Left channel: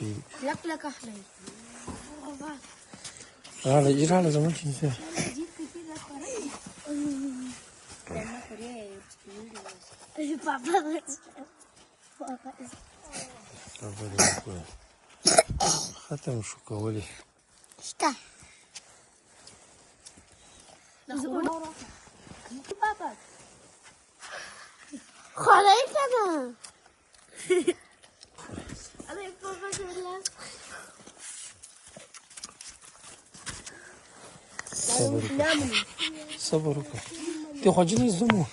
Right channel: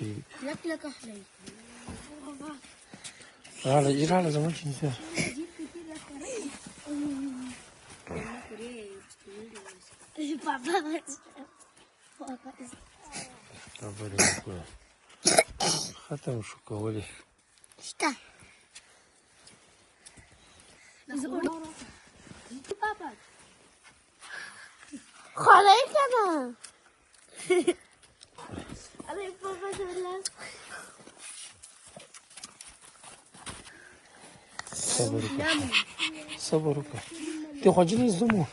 شي لك لك أخلي هذا إيران زمان كنت ختم شو كولي Что? Папа. Холодно. صبرك صبرك تي خجلي زمو